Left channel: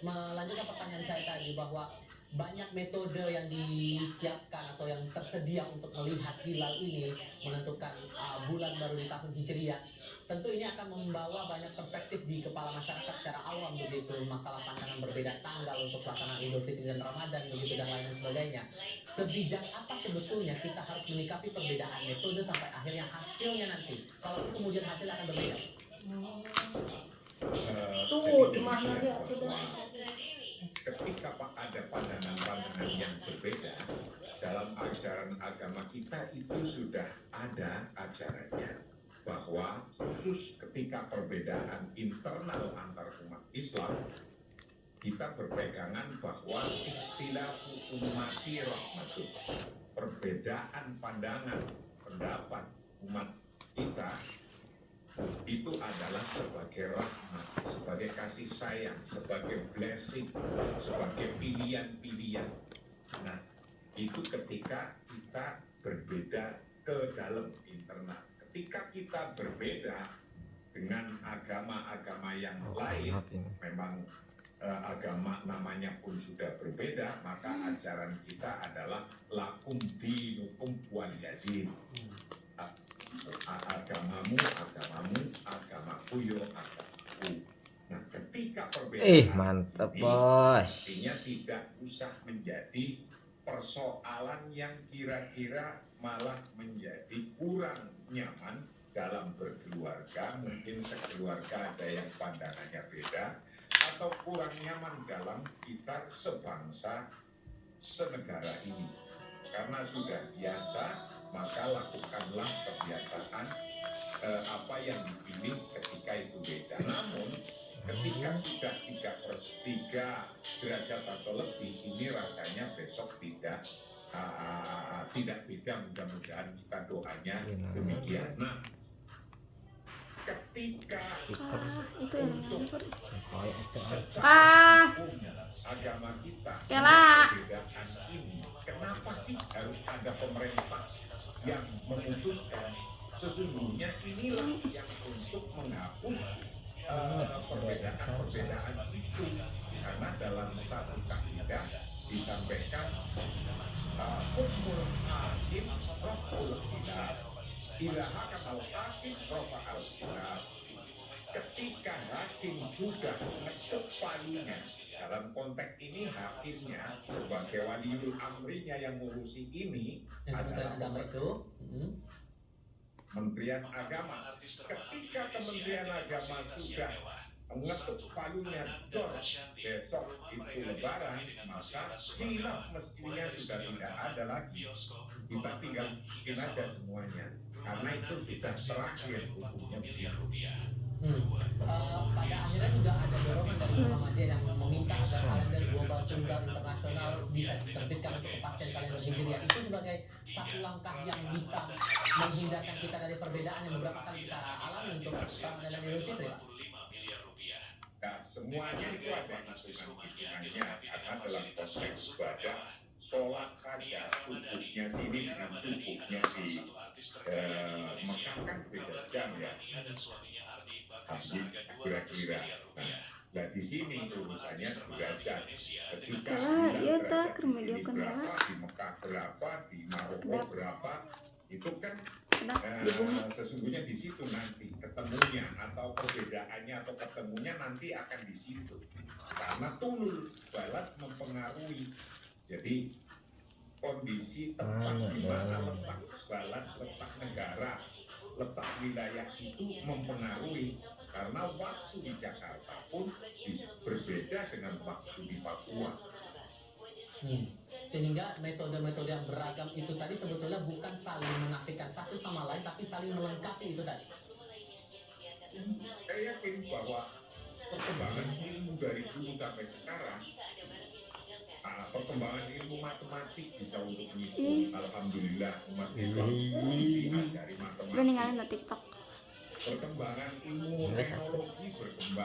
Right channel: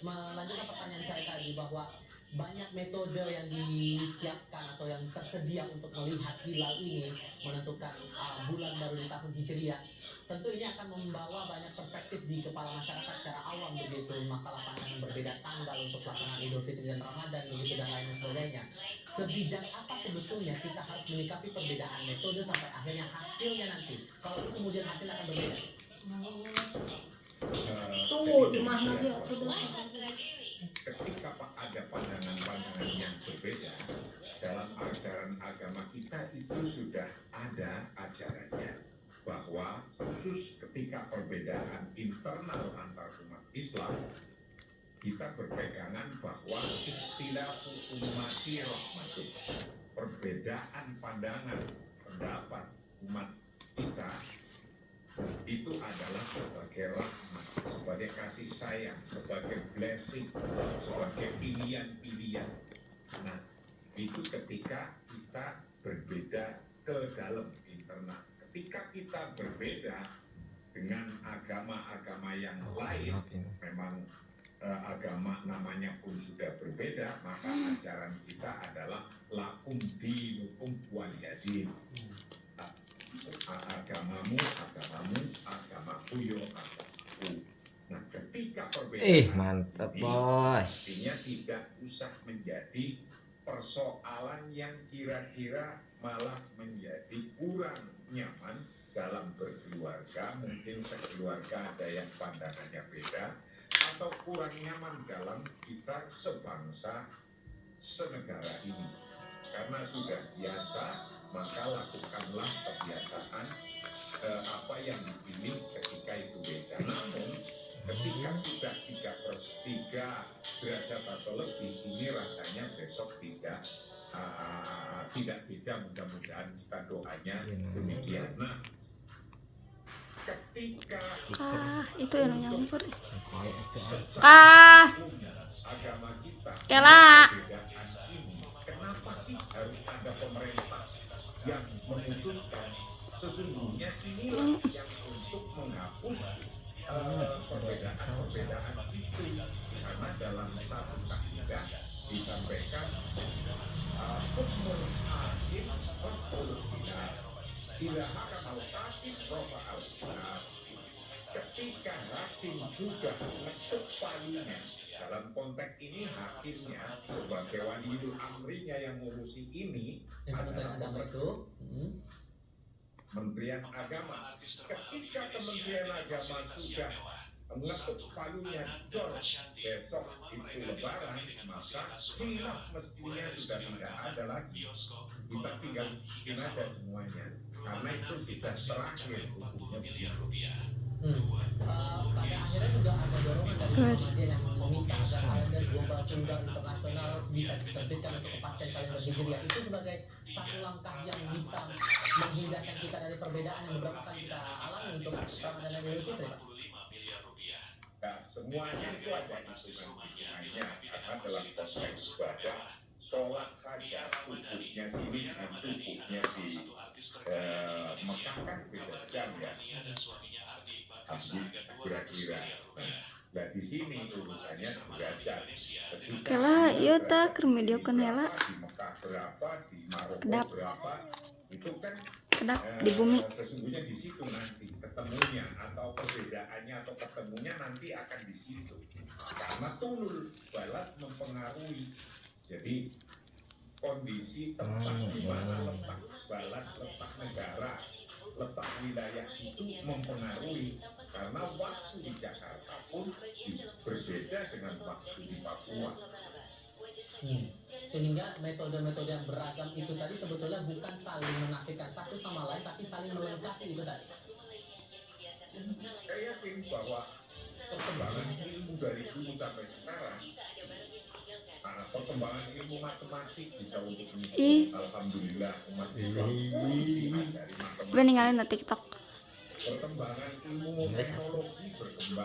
melanjutkan pertanyaan saya tadi bahwa banyak metode yang disiapkan atau yang tersedia untuk melihat hilal ini, menentukan bulan baru di tahun Hijriah. Tentu ini akan membawa banyak perspektif di kepala masyarakat secara awam begitu, masalah pandangan berbeda tanggal untuk pelaksanaan Idul Fitri dan Ramadan begitu dan lain sebagainya. Sebijak apa sebetulnya kita harus menyikapi perbedaan metode sampai akhirnya hasilnya nanti, kalaupun kemudian hasilnya akan berbeda? Tuh, di mana ya? Ketika ada pandangan-pandangan yang berbeda dalam ajaran agama kita, itu sudah ada ajarannya bahwa khusus ketika perbedaan internal antar umat Islam, kita berpegangan bahwa ikhtilafu ummati rahmatun, perbedaan pandangan pendapat umat kita itu adalah sebagai rahmat, sebagai kasih sayang, sebagai blessing, sebagai pilihan-pilihan. Nah, itu ketika kita berbeda ke dalam internal. Ketika kita berbeda dengan agama-agama yang lain, memang agama namanya pun sudah berbeda, maka ajaran kita adalah lakum dinukum waliyadin. Agamamu, agamaku, yo agamaku. Nah, ketika perbedaan mantap ini, bos. artinya tidak usah menjadi persoalan yang kira-kira malah menjadi kurang nyaman dalam berkeluarga. Mungkin sekeluarga ada yang pandangannya beda, atau kurang nyaman dalam kita sebangsa senegara ini. Karena sudah biasa, maka lakukanlah kebiasaan apa yang dipilih ketika itu beda. Namun ketika sudah 3/3 derajat atau lebih, ini rasanya besok tidak beda. Mudah-mudahan kita doanya demikian. Nah, ketika itu yang nyampur secara agama kita Kela perbedaan ini, kenapa sih harus ada pemerintah yang memutuskan? Sesungguhnya inilah yang untuk menghapus perbedaan itu, karena dalam satu kaidah disampaikan hukmul hakim raf'ul khilaf, ila hakamal hakim rafa'al khilaf. Ketika hakim sudah mengetuk palunya, dalam konteks ini hakimnya sebagai waliul amrinya yang ngurusi ini adalah Kementerian Agama. Ketika Kementerian Agama sudah mengetuk palunya, dor besok itu Lebaran, maka khilaf mestinya sudah tidak ada lagi. Kita tinggal bikin aja semuanya, karena itu sudah terakhir hukumnya begitu. Pada akhirnya juga ada dorongan dari Muhammadiyah yang meminta agar kalender global tunggal internasional bisa diterbitkan untuk kepastian kalender Hijriah. Itu sebagai satu langkah yang bisa menghindarkan kita dari perbedaan yang beberapa kali kita alami untuk Ramadan dan Idul Fitri, Pak. Nah, semuanya itu ada hitungan-hitungannya, karena dalam konteks ibadah, sholat saja subuhnya sini dengan subuhnya di Mekah kan beda jam ya. Kira-kira. Nah, di sini urusannya derajat. Kela iya tak ke video kenela di Mekah berapa, di Maroko berapa, itu kan di bumi. Sesungguhnya di situ nanti ketemunya, atau perbedaannya atau ketemunya nanti akan di situ. Karena tulul balad mempengaruhi. Jadi kondisi tempat di mana letak balad, letak negara, letak wilayah itu mempengaruhi. Karena waktu di Jakarta pun berbeda dengan waktu di Papua. Sehingga metode-metode yang beragam itu tadi sebetulnya bukan saling menafikan satu sama lain, tapi saling melengkapi itu tadi. Saya yakin bahwa perkembangan ilmu dari dulu sampai sekarang, perkembangan ilmu matematik bisa untuk menghitung. Alhamdulillah umat Islam diajari matematik. Gue ninggalin di TikTok. Perkembangan ilmu teknologi berkembang.